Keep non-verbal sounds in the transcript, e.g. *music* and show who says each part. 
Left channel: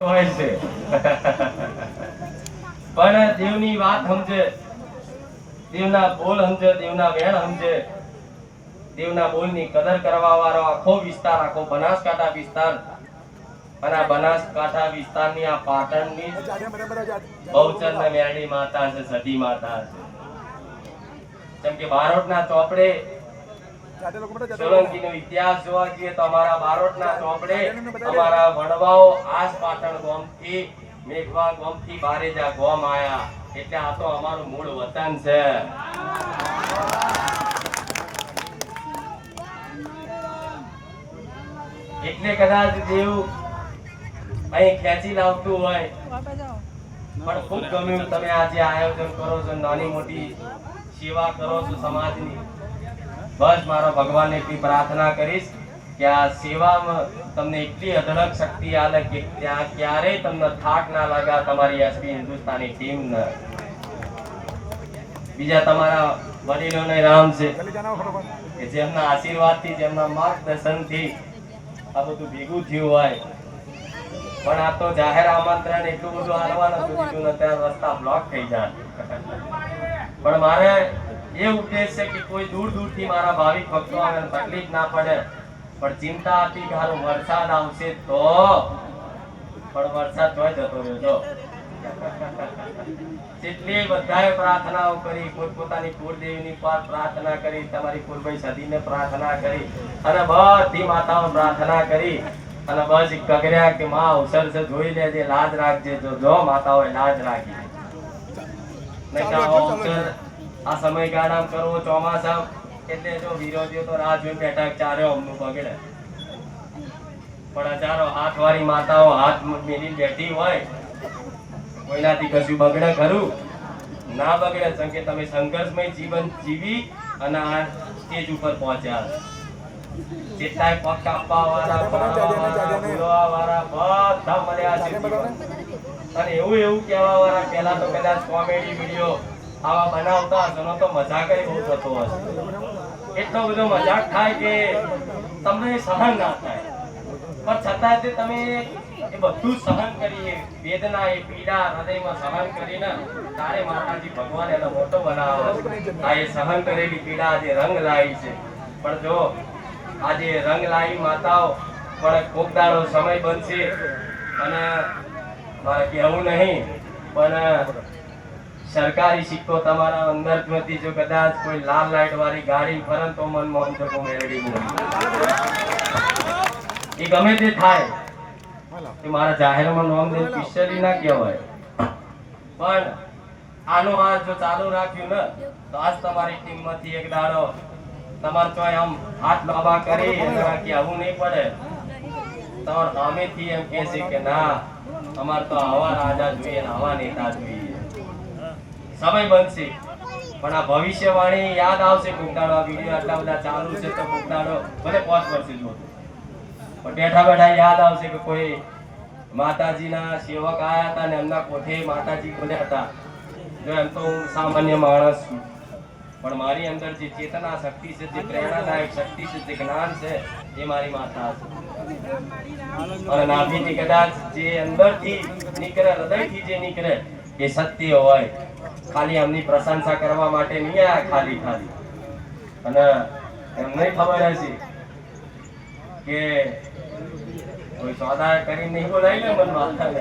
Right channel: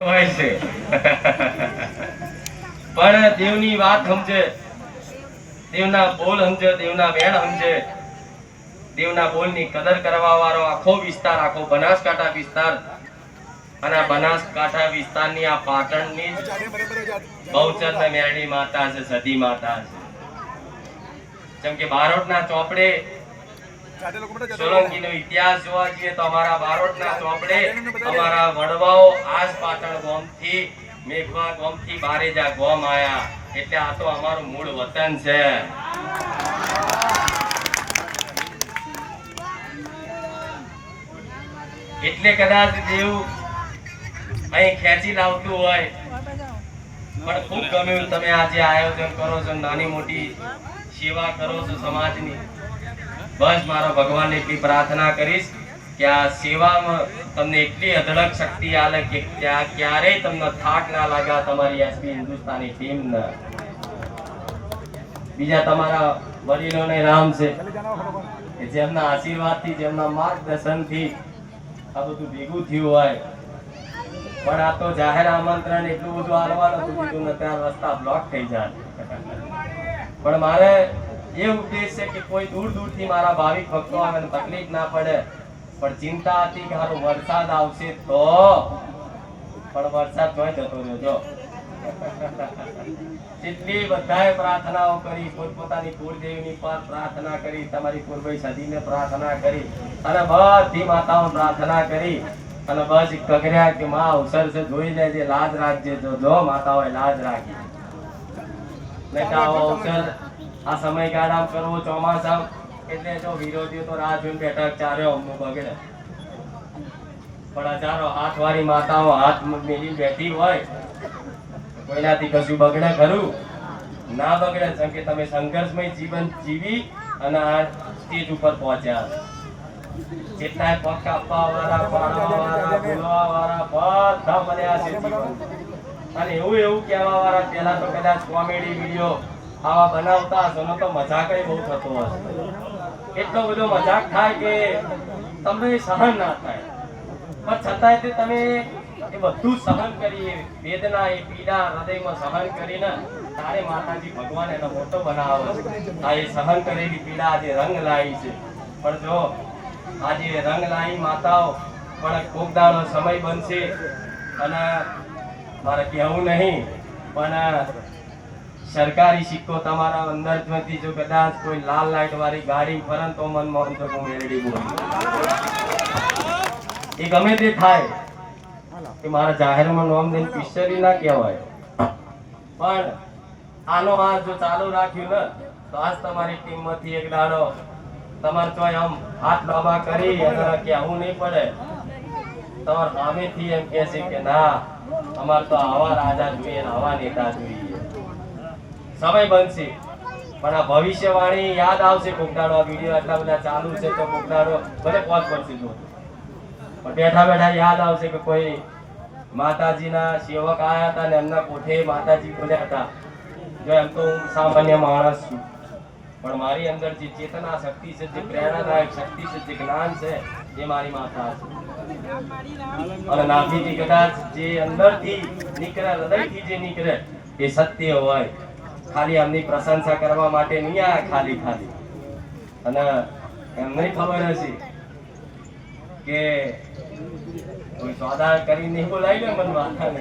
Speaker 1: હોય છે. પણ દેવની વાત સમજે. દેવના બોલ સમજે, દેવના વેણ સમજે. દેવના બોલની કદર કરવા વાળો આખો વિસ્તાર, આખો બનાસકાંઠા વિસ્તાર અને બનાસકાંઠા વિસ્તારની આ પાટણની બહુચર ને માતા છે સતી માતા છે જેમ કે બારોટના ચોપડે સોલંકીનો ઇતિહાસ જોવા જઈએ તો અમારા બારોટના ચોપડે અમારા વડવાઓ આજ પાટણ ગામથી મેઘવા ગામથી બારેજા ગામ આયા. એટલે આ તો અમારું મૂળ વતન છે. એટલે કદાચ દેવ અહીં ખેંચી લાવતું હોય. પણ ખૂબ ગમ્યું તમે આજે આયોજન કરો છો નાની મોટી સેવા કરો છો સમાજની. બસ મારા ભગવાનને એટલી પ્રાર્થના કરીશ કે આ સેવામાં તમને એટલી અઢળક શક્તિ આલે કે ત્યાં ક્યારેય તમને થાક ના લાગે તમારી એસપી હિન્દુસ્તાની ટીમને બીજા તમારા વડીલોને રામ છે, કે જેમના આશીર્વાદથી, જેમના માર્ગદર્શનથી આ બધું ભેગું થયું હોય. પણ આ તો જાહેર આમંત્રણ એટલું બધું હાલવાનું હતું ત્યાં રસ્તા બ્લોક થઈ જાય. પણ મારે એ ઉદ્દેશ છે કે કોઈ દૂર દૂરથી મારા ભાવિક ભક્તો આવે તકલીફ ના પડે. પણ ચિંતા હતી કે હારો વરસાદ આવશે તો પણ વરસાદ તો જતો રહ્યો જો. *laughs* જેટલી બધાએ પ્રાર્થનાઓ કરી પોતપોતાની કુળદેવીની પર પ્રાર્થના કરી તમારી કુળભાઈ સદીને પ્રાર્થના કરી અને બધી માતાઓ પ્રાર્થના કરી અને બસ કગર્યા કે માં અવસર છે જોઈ લેજે લાજ રાખજે જો જો માતાઓએ લાજ રાખી. નહીં અવસર આ સમયગાળા કરવો ચોમાસા એટલે જો વિરોધીઓ તો રાહ જોઈને બેઠા ચાર્યો અમુક બગડે પણ હજારો હાથ વાળી માતાઓ હાથ મેલી બેઠી હોય, કોઈનાથી કશું બગડે ખરું? ના બગડે સંકેત તમે સંઘર્ષમય જીવન જીવી અને આ સ્ટેજ ઉપર પહોંચ્યા. જેટલાય પગ કાપવા વાળા પાડવા બોલવા વાળા બધા મળ્યા છે જીવન. અને એવું એવું કહેવા વાળા પહેલા તો કદાચ કોમેડી વીડિયો આવા બનાવતા હશો તો મજાક બહુ થતો હશે એટલો બધો મજાક થાય કે તમને સહન ના થાય. પણ છતાંય તે તમે એ બધું સહન કરી, એ વેદના, એ પીડા, હૃદયમાં સહન કરીને તારે માતાજી ભગવાન એનો મોટો બનાવો આ એ સહન કરેલી પીડા આજે રંગ લાવી છે. પણ જો આજે રંગ લાવી માતાઓ, પણ કોક દાડો સમય બનશે અને મારે કહેવું નહીં, પણ સરકારી સિક્કો તમારા અંદરમાંથી જો કદાચ કોઈ લાલ લાઈટ વાળી ગાડી ફરે તો મન મોહન શકો મેળવી એ ગમે તે થાય કે મારા જાહેરમાં નોમ દે પિસ્ટરી ના કહેવાય. પણ આનો હાથ જો ચાલુ રાખ્યું ને, તો આજ તમારી ટીમમાંથી એક દાડો તમારે તો આમ હાથ બાબા કરી અને કહેવું નહીં પડે. તમારે સામેથી એમ કહેશે કે ના, અમાર તો આવા રાજા જોઈએ આવા નેતા જોઈએ. સમય બનશે. પણ આ ભવિષ્યવાણી યાદ આવશે કોકડાનો આ વીડિયો આટલા બધા ચાલુ છે તો કોકડાનો ભલે પાંચ પડશે જો પણ બેઠા બેઠા યાદ આવશે કે કોઈ માતાજીના સેવક આવ્યા હતા ને એમના કોઠે માતાજી બોલ્યા હતા. એમ તો હું સામાન્ય માણસ છું. પણ મારી અંદર જે ચેતના શક્તિ છે, જે પ્રેરણાદાયક શક્તિ છે, જે જ્ઞાન છે, એ મારી માતા છે. અને નાભીથી કદાચ જે અંદરથી નીકળે, હૃદયથી જે નીકળે, એ સત્ય હોય. ખાલી એમની પ્રશંસા કરવા માટે નહીં આ ખાલી ખાલી. અને એમને ખબર હશે કે સોદા કરીને નહીં બોલાવી ને મન માતાને